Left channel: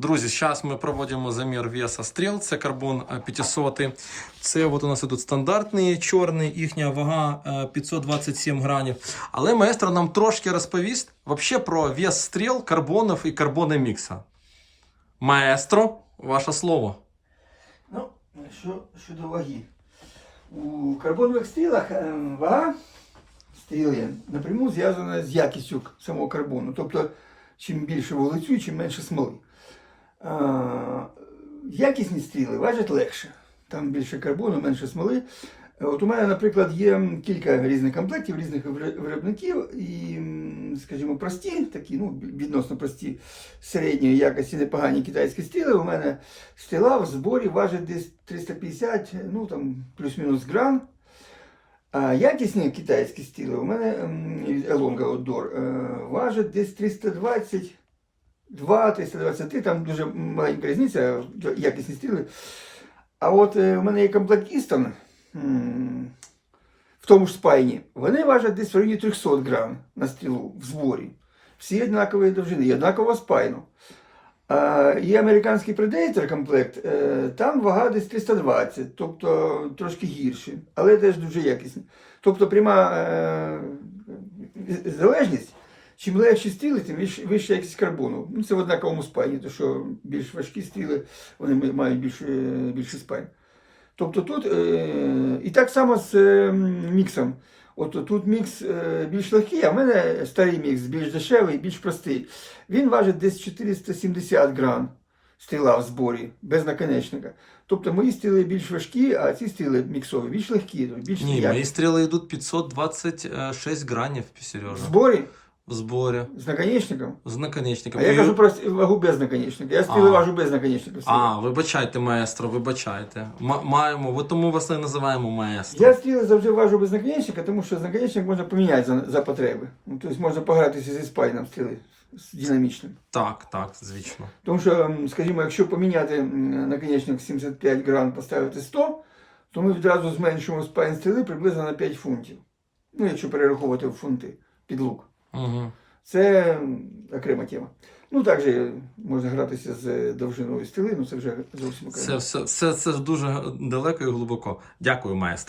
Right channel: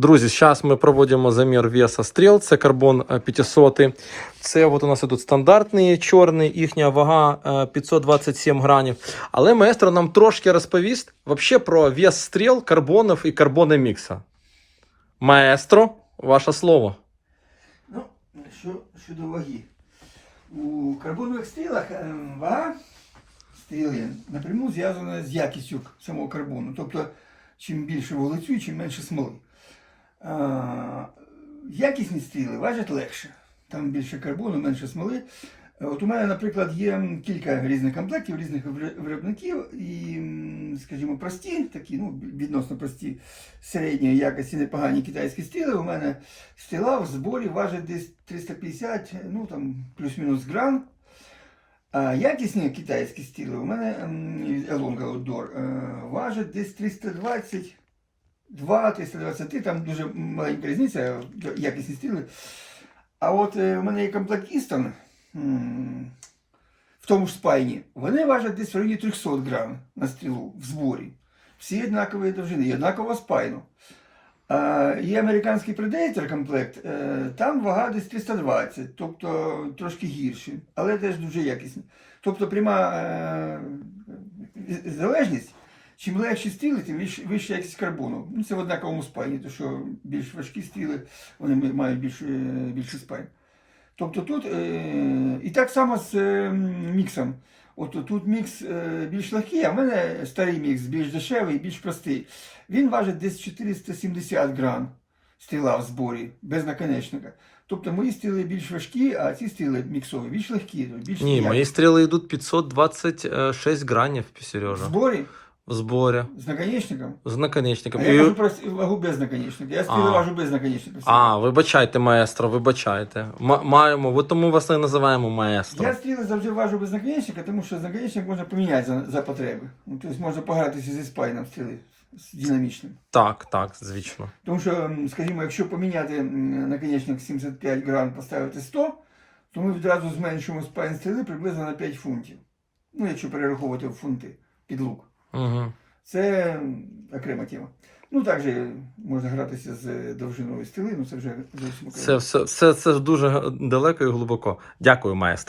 Друзі, зараз ми проводимо замір веса стріл. Це карбон е, 500. Це от у нас тут стандартний чорний, їхня вага е, 527 гранів. Але маестро нам трошки розповість вообще про вес стріл, карбонів і карбони мікса. Маестро, ваше слово. Ну, що щодо ваги. У карбонових стрілах е, вага стріли напряму зв'язана з якістю самого карбону. Тобто, чим більше вуглецю, чим менше смоли. Якісні стріли важать легше. Там більше карбону, менше смоли. От у мене, наприклад, є кілька різних комплектів, різних виробників, і, скажімо, прості, такі, ну, відносно прості середньої якості непогані китайські стріли. У мене стріла в зборі важить десь 350, ну там плюс-мінус грам. А якісні китайські стіли у мене Елонга Outdoor е, важить десь 322, 323, там дуже маленька різниця, якісні стіли. А от е, у мене є комплект в тому ж спайні. Вони важать десь в районі 300 грам на стрілу в зборі. Всі однакової довжини, і однаково спайну. А, є американський Predator комплект, е, там вага десь 320, тобто трошки гірші, але теж дуже якісні. Тобто пряма е, залежність, чим легші стріли, тим вища якість карбону. Ну, це в однаковому спайні, тому що більш важкі стріли вони мають більш, е, більший спайн. Тобто тут е, і так само з е, міксом. От тут мікс е, більш легкий, а в мене старий мікс більш дешевий, більш простий. Він важить десь 470 грам стріла в зборі, без наконечника. Тобто мої стріли більш важкі, а ці стріли міксові більш легкі. Більш Ні, м'які. мої стріли йдуть 526 гранів, в Сережа. зборі В зборі. з наконечником. З наконечником. А я І- кажу про вагу без наконечника. Я стріли А. важу без наконечника. А, вибачайте, маестро, вибачайте. М- маємо, от тому вас і називаємо маестро. Я стріли завжди важу без наконечника, тому що наконечник можна поміняти за, за потреби. Ну, тобто можна погратися зі спайном стріли з динамічним. Так, так, звісно. Тому що, м, скажімо, якщо поміняти м, наконечник 75 грам, поставити 100, то ми відразу зменшуємо спайн стріли приблизно на 5 фунтів. Ну, якщо перераховувати в фунти під лук. Угу. Це окрема тема. Ну, також можна гратися з довжиною стріли, ну це вже зовсім окремо. Це все, все, це дуже далеко і глибоко. Дякую, маестро.